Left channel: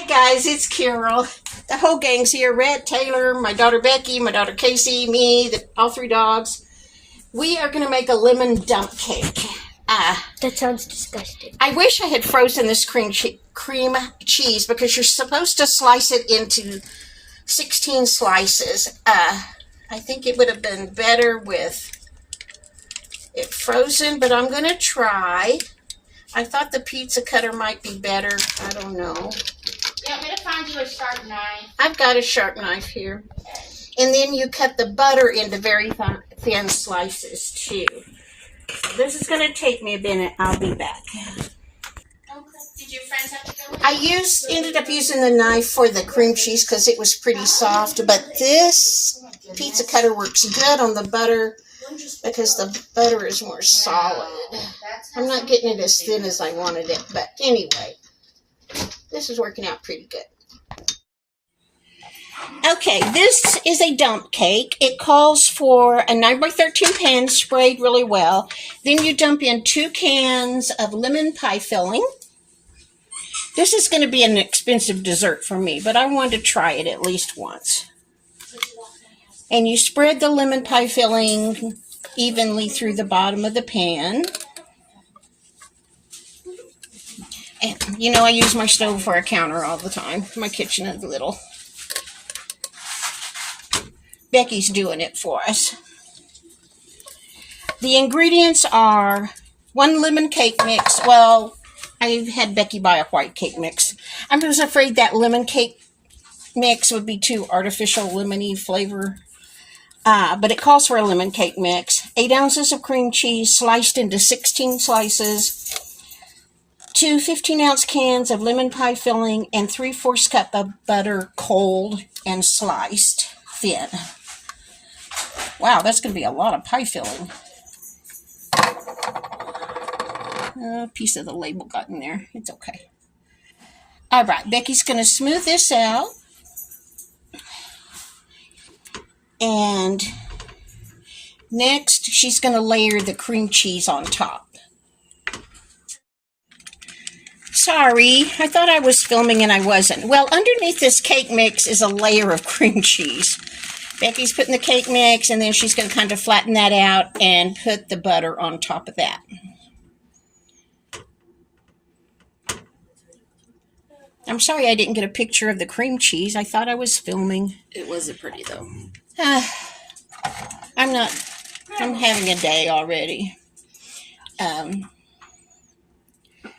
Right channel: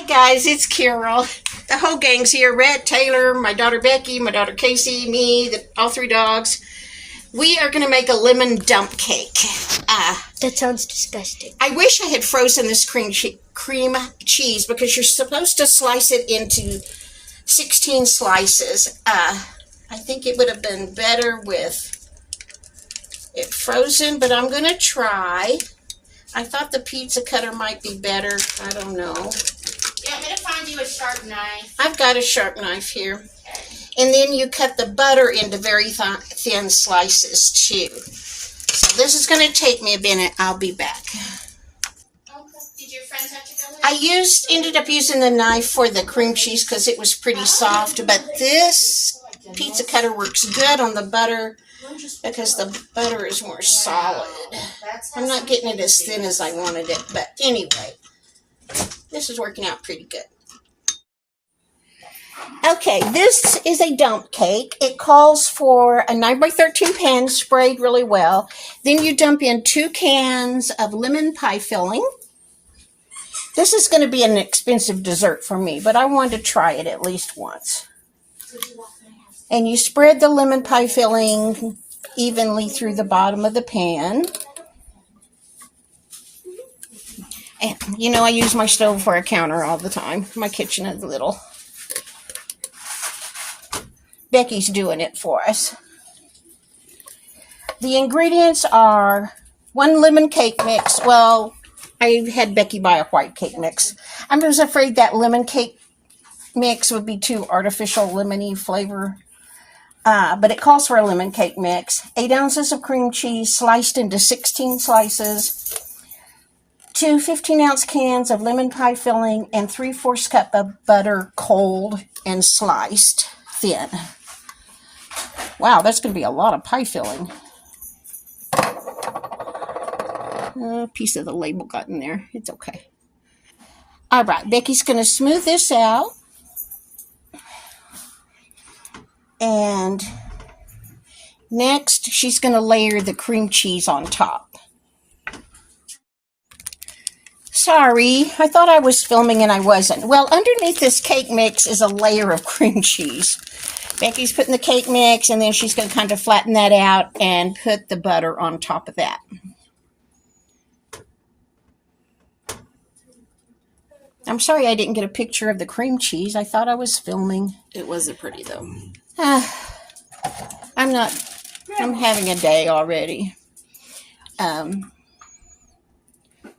Hi guys, it's Carol. The whole gang's here. Red, Taylor, my daughter Becky, my daughter Casey, me, all three dogs. We are going to make a lemon dump cake. That sounds disgusting. I wish I had frozen this cream cheese because you're supposed to slice it into 16 slices. I think it would have been better with it frozen, but I'm going to try. I thought the pizza cutter might be better. I don't know. Yeah, I'm going to find you a sharp knife. I've got a sharp knife here. And then you cut the butter into very thin slices too. So this is going to take me a minute. I'll be back. Okay. Did your friends have to go with I ended up using the knife for the cream cheese because it was pretty soft. But this pizza cutter works good on the butter because the butter is more solid. I'm not getting it as thin as I wanted it. But anyway, this is working out pretty good. Okay, this is a dump cake. It calls for a 9x13 pan sprayed really well. Then you dump in 2 cans of lemon pie filling. This is going to be an expensive dessert for me, but I wanted to try it at least once. And you spread the lemon pie filling evenly through the bottom of the pan. And, you know, I use my stove for a counter all the time. My kitchen is little. Becky's doing it for us. The ingredients are 1 lemon cake mix. Well, I had Becky buy a white cake mix. I was afraid that lemon cake mix would be too artificial lemony flavor. But it calls for a lemon cake mix. 8 ounces of cream cheese sliced into 16 slices. 2 15-ounce cans of lemon pie filling and 3/4 cup of butter cold and sliced thin. Wow, that's going to be a lot of pie filling. A piece of the label got in there. It's okay. All right, Becky's going to smooth this out. And next, she's going to layer the cream cheese on top. Sorry, I thought I was filming and I wasn't. Well, underneath this cake mix is a layer of cream cheese. Becky's putting the cake mix, and then she's going to kind of flatten that out and put the butter on top of that. I'm sorry I didn't get a picture of the cream cheese. I thought I was filming. It wasn't pretty, though. I'm having a day already.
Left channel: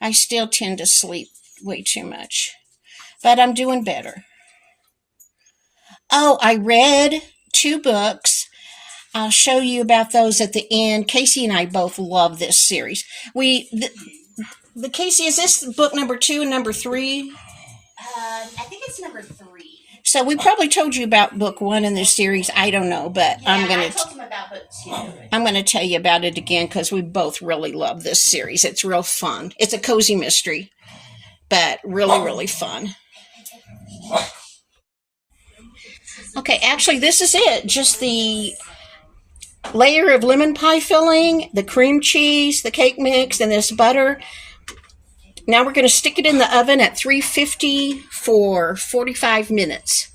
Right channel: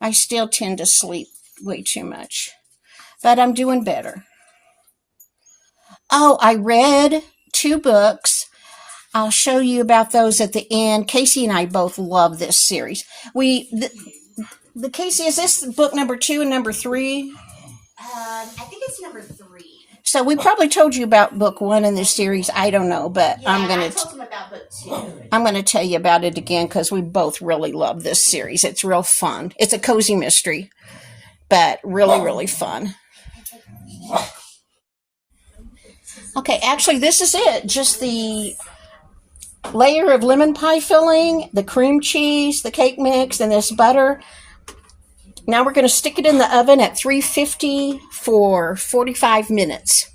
I still tend to sleep way too much, but I'm doing better. Oh, I read 2 books. I'll show you about those at the end. Casey and I both love this series. The Casey, is this book number 2 and number 3? I think it's number 3. So we probably told you about book 1 in this series. I don't know, but Yeah, I told him about book 2. I'm going to tell you about it again because we both really love this series. It's real fun. It's a cozy mystery, but really, really fun. Okay, actually, this is it. Just the layer of lemon pie filling, the cream cheese, the cake mix, and this butter. Now we're going to stick it in the oven at 350 for 45 minutes.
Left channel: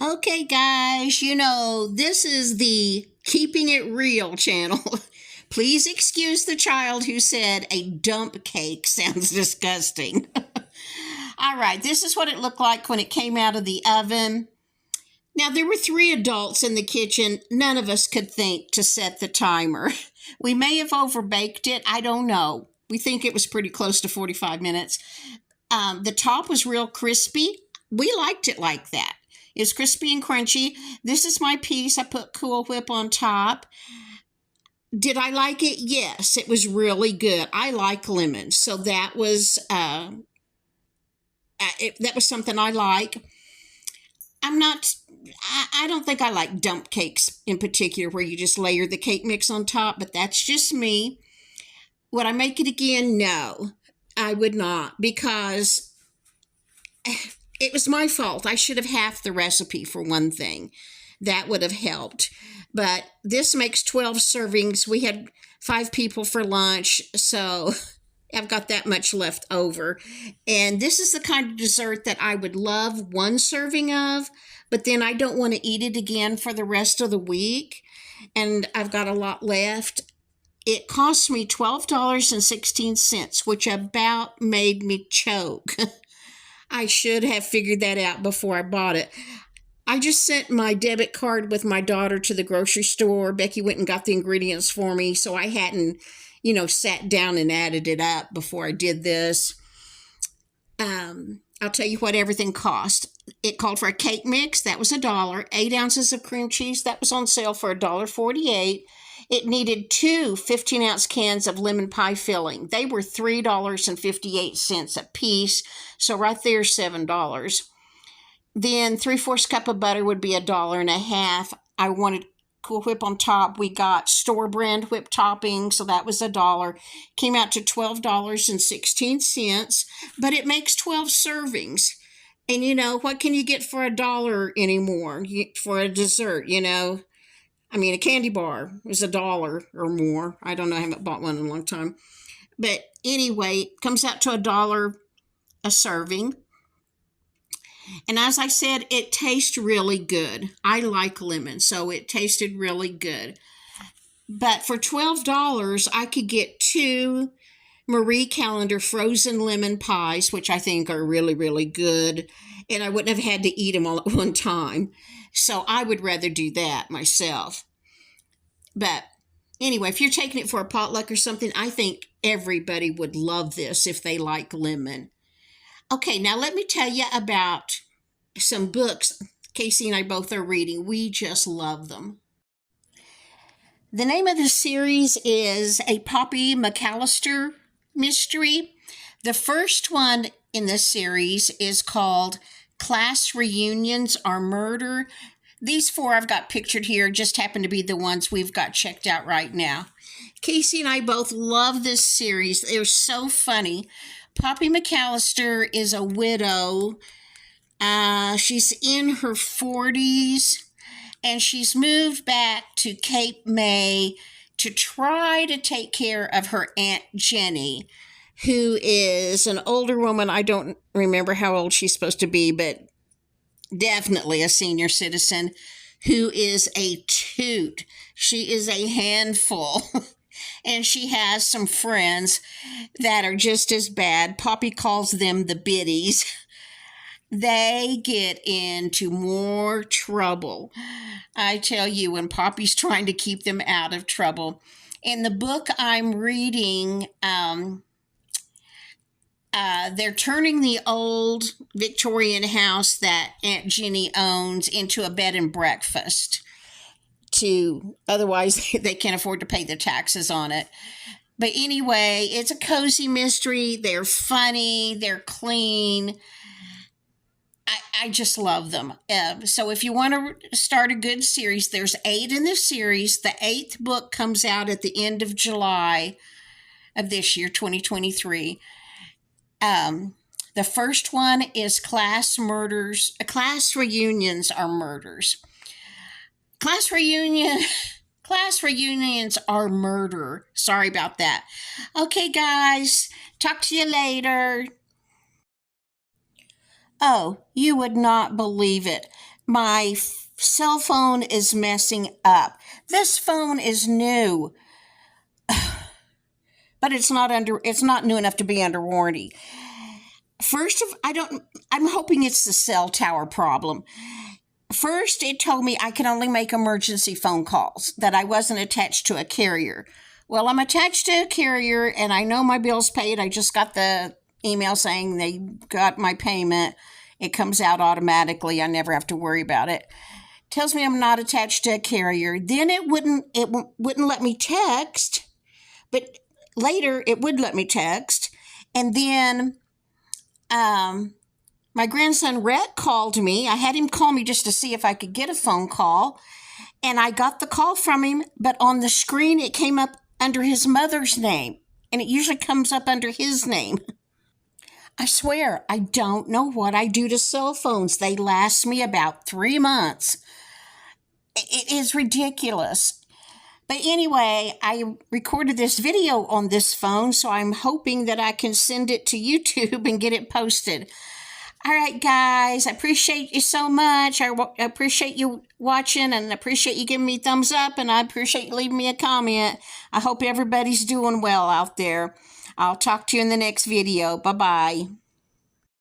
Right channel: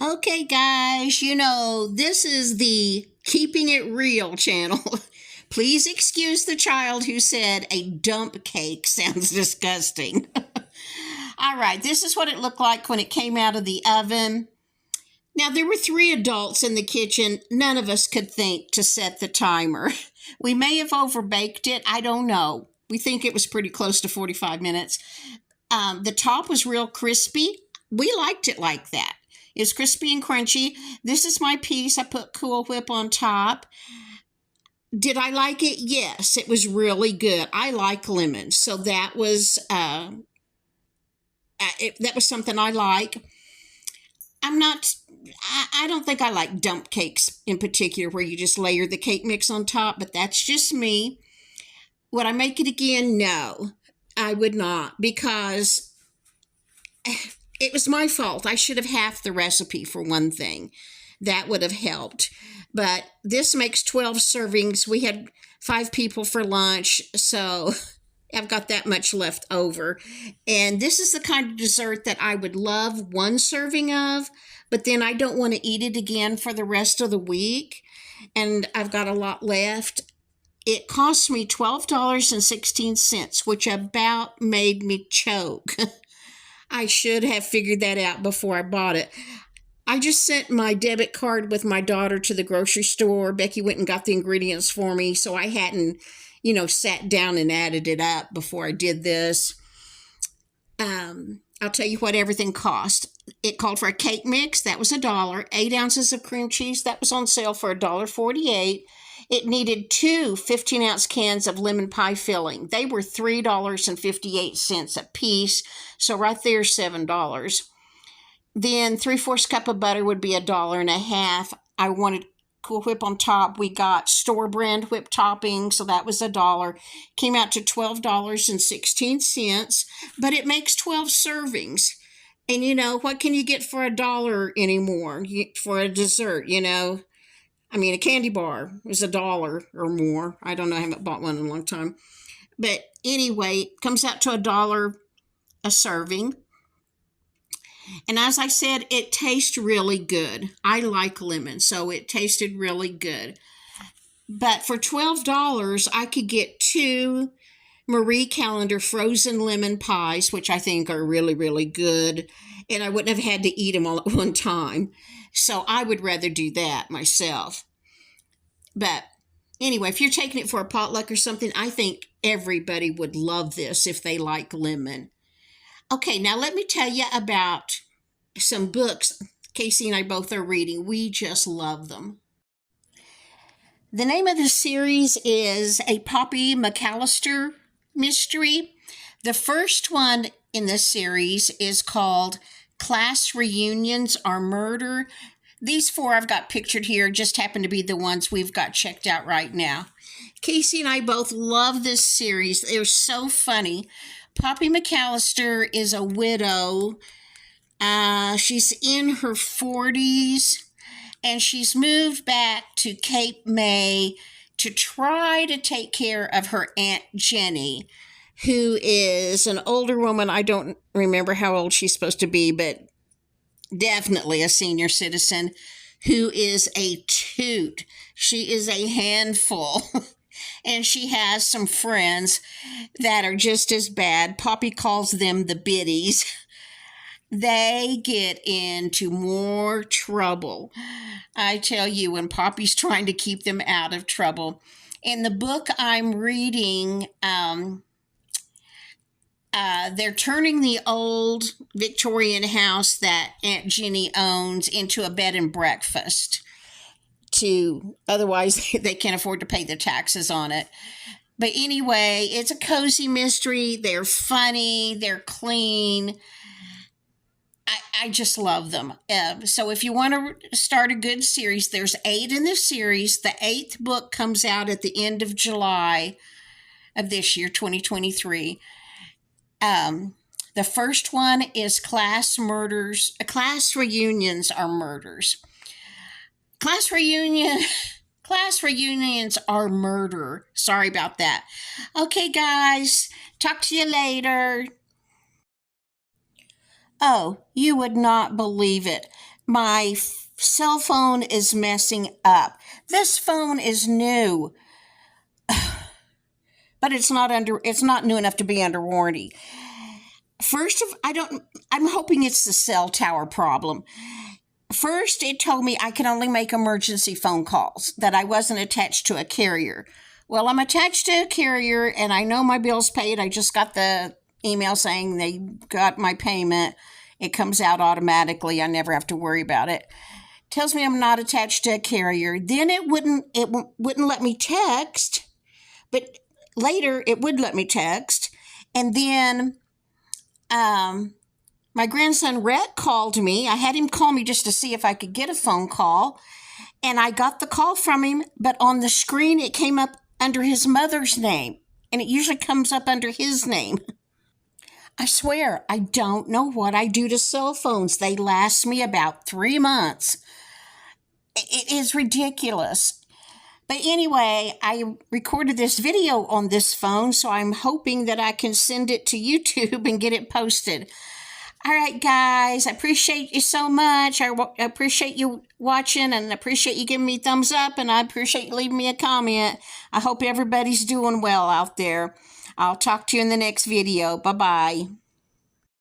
Okay, guys, you know, this is the Keeping It Real channel. Please excuse the child who said a dump cake sounds disgusting. All right, this is what it looked like when it came out of the oven. Now, there were 3 adults in the kitchen. None of us could think to set the timer. We may have overbaked it. I don't know. We think it was pretty close to 45 minutes. The top was real crispy. We liked it like that. It was crispy and crunchy. This is my piece. I put Cool Whip on top. Did I like it? Yes, it was really good. I like lemons, so that was something I like. I don't think I like dump cakes in particular where you just layer the cake mix on top, but that's just me. Would I make it again? No, I would not, because it was my fault. I should have halved the recipe for one thing. That would have helped. But this makes 12 servings. We had 5 people for lunch, so I've got that much left over. And this is the kind of dessert that I would love one serving of, but then I don't want to eat it again for the rest of the week. And I've got a lot left. It cost me $12.16, which about made me choke. I should have figured that out before I bought it. I just sent my debit card with my daughter to the grocery store. Becky went and got the ingredients for me, so I hadn't, sat down and added it up before I did this. I'll tell you what everything cost. It called for a cake mix. That was $1. 8 ounces of cream cheese. That was on sale for $1.48. It needed 2 15-ounce cans of lemon pie filling. They were $3.58 a piece. So right there, $7. Then 3/4 cup of butter would be $1.50. I wanted Cool Whip on top. We got store brand whip topping, so that was $1. Came out to $12.16, but it makes 12 servings. And what can you get for $1 anymore for a dessert? A candy bar is $1 or more. I don't know. I haven't bought one in a long time. But anyway, it comes out to $1 a serving. And as I said, it tastes really good. I like lemon, so it tasted really good. But for $12, I could get 2 Marie Callender frozen lemon pies, which I think are really, really good. And I wouldn't have had to eat them all at one time. So I would rather do that myself. But anyway, if you're taking it for a potluck or something, I think everybody would love this if they like lemon. Okay, now let me tell you about some books Casey and I both are reading. We just love them. The name of the series is A Poppy McAllister Mystery. The first one in this series is called Class Reunions Are Murder. These 4 I've got pictured here just happen to be the ones we've got checked out right now. Casey and I both love this series. They're so funny. Poppy McAllister is a widow. She's in her 40s, and she's moved back to Cape May to try to take care of her Aunt Jenny, who is an older woman. I don't remember how old she's supposed to be, but definitely a senior citizen, who is a toot. She is a handful. And she has some friends that are just as bad. Poppy calls them the biddies. They get into more trouble. I tell you, when Poppy's trying to keep them out of trouble. In the book I'm reading, they're turning the old Victorian house that Aunt Jenny owns into a bed and breakfast. Otherwise they can't afford to pay the taxes on it. But anyway, it's a cozy mystery. They're funny. They're clean. I just love them. So if you want to start a good series, there's 8 in the series. The 8th book comes out at the end of July of this year, 2023. The first one is Class Reunions Are Murders. Class reunions are murder. Sorry about that. Okay, guys. Talk to you later. Oh, you would not believe it. My cell phone is messing up. This phone is new. But it's not new enough to be under warranty. I'm hoping it's the cell tower problem. First, it told me I can only make emergency phone calls, that I wasn't attached to a carrier. Well, I'm attached to a carrier, and I know my bill's paid. I just got the email saying they got my payment. It comes out automatically. I never have to worry about it. Tells me I'm not attached to a carrier. Then it wouldn't let me text, but later it would let me text. And then my grandson Rhett called me. I had him call me just to see if I could get a phone call. And I got the call from him, but on the screen it came up under his mother's name. And it usually comes up under his name. I swear, I don't know what I do to cell phones. They last me about 3 months. It is ridiculous. But anyway, I recorded this video on this phone, so I'm hoping that I can send it to YouTube and get it posted. All right, guys, I appreciate you so much. I appreciate you watching, and I appreciate you giving me a thumbs up, and I appreciate you leaving me a comment. I hope everybody's doing well out there. I'll talk to you in the next video. Bye-bye.